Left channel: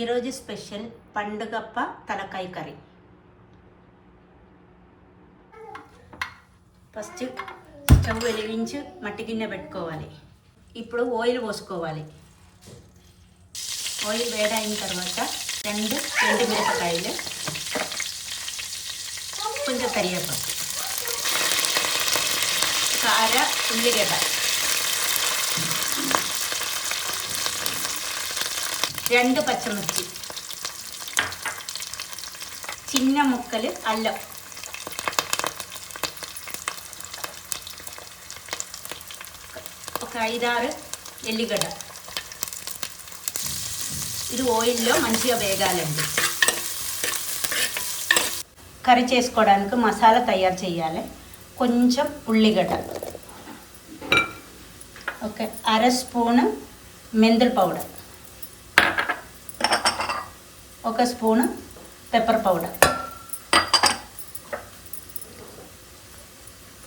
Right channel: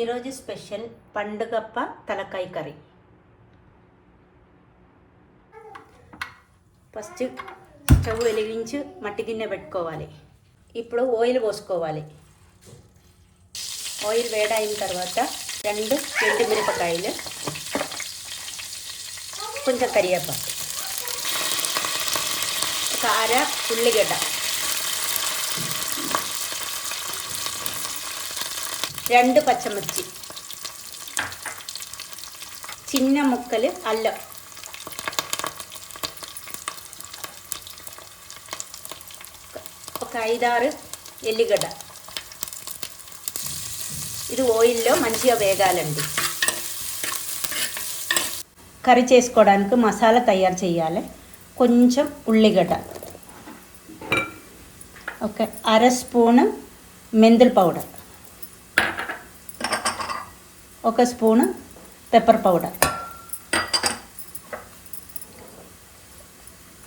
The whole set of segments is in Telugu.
ఈరోజు స్పెషల్ పండుగప్ప తలకాయ కర్రీ. ఫస్ట్ స్టవ్ వెలిగించి మట్టి గిన్నె పెట్టుకోవాలి. ఇప్పుడు ఆయిల్ పోసుకోవాలి. ఆయిల్ వేడైన తర్వాత 2 ఎండుమిరపకాయలు, కొంచెం కరివేపాకు, కారం, ఉల్లిగడ్డ, 2 పచ్చిమిర్చి, చిన్న ముక్కలు అల్లం, ఒక 5-6 ఎల్లిగడ్డ. ఇది ఆయిల్లో మంచిగా వేగాలండి. కర్రీ చేసుకోవడానికి మసాలా తయారు చేయాలి. కొంచెం ఉల్లిగడ్డ, ఒక 1/2 స్పూను మెంతుల powder, 1 spoon pepper powder,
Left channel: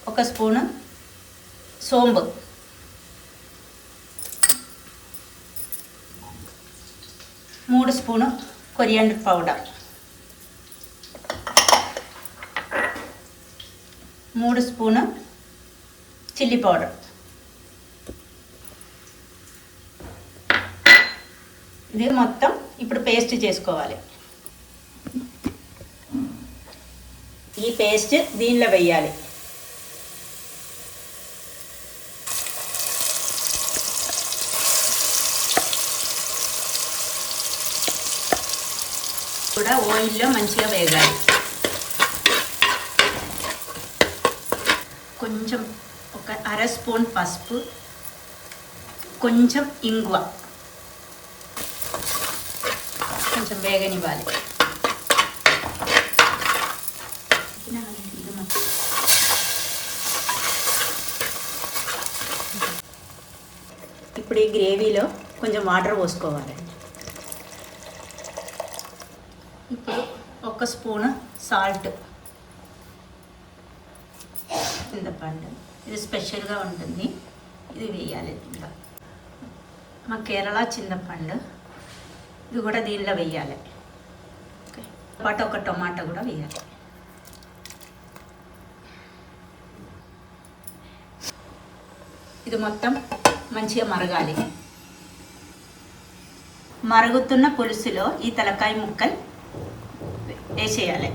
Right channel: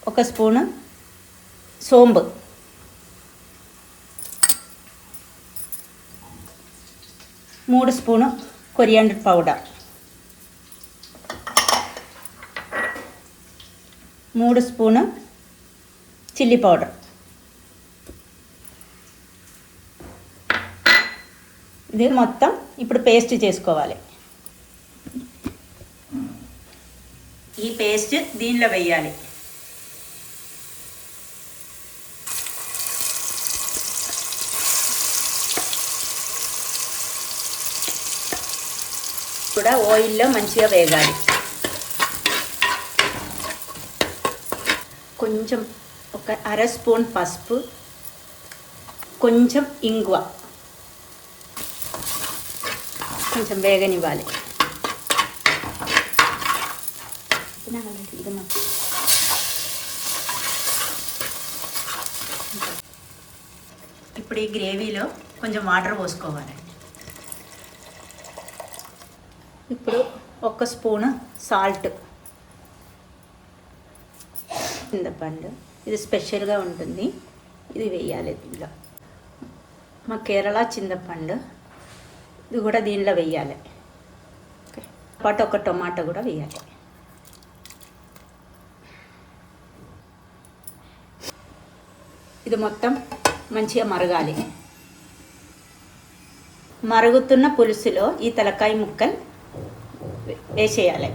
1 spoon సోంపు, 3 spoon coriander powder, 3 spoon chilli powder. ఇది మొత్తం ఇప్పుడు పేస్ట్ చేసుకోవాలి. ఈ పేస్ట్ దీనిలో వేయాలి. కూడా ఆయిల్లో మంచిగా వేగాలి. కొంచెం ఒక 1/2 స్పూన్ పసుపు, కొంచెం ఇంగువ, కొంచెం వేగనివ్వాలి. ఇప్పుడు ఈ గ్రేవీలో కొంచెం వాటర్ పోసుకోవాలి. ఇప్పుడు 1 స్పూను సాల్ట్, చింతపండు, ఇది స్పెషల్గా ఉంటుంది, ఇది వేయాలి దీనిలో. మా కేరళ చింతపండు, ఇది కూడా దీనిలో వేయాలి. పాటు 1 టొమాటో కూడా వేయాలి. ఇది మొత్తం మంచిగా మరగాలి. మరుగుతున్న పులుసులో ఈ తలకాయ ముక్కలు వేసేయాలి.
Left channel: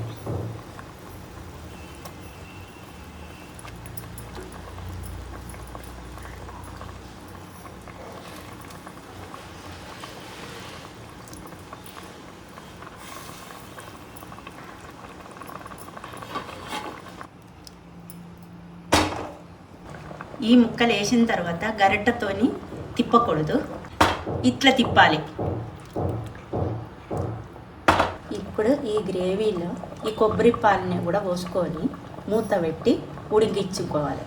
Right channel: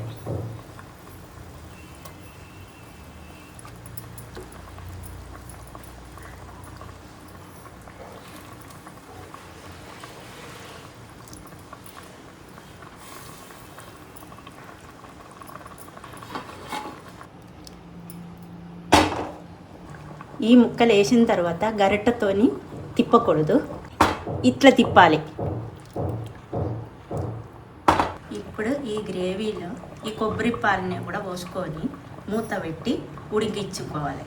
ఈ ముక్కలు వేసిన తర్వాత గరిటెతోని తిప్పకూడదు, ఇట్లా తిప్పాలి. ఇప్పుడు ఈ గ్రేవీలో ఈ కొబ్బరి పాలని కూడా పోసుకొని మూత పెట్టి ఉడికించుకోవాలి.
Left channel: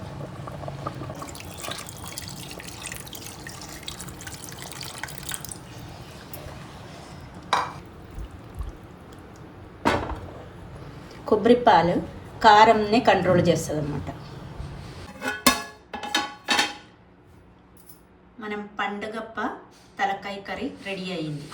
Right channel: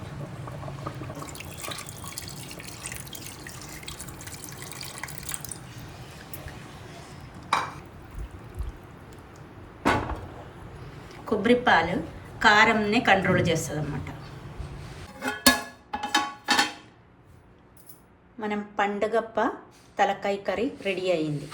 కొబ్బరి పాలు కారంని కంట్రోల్ చేస్తుంది అన్నమాట. మనం పండుగప్ప తలకాయ కర్రీ రెడీ అయింది.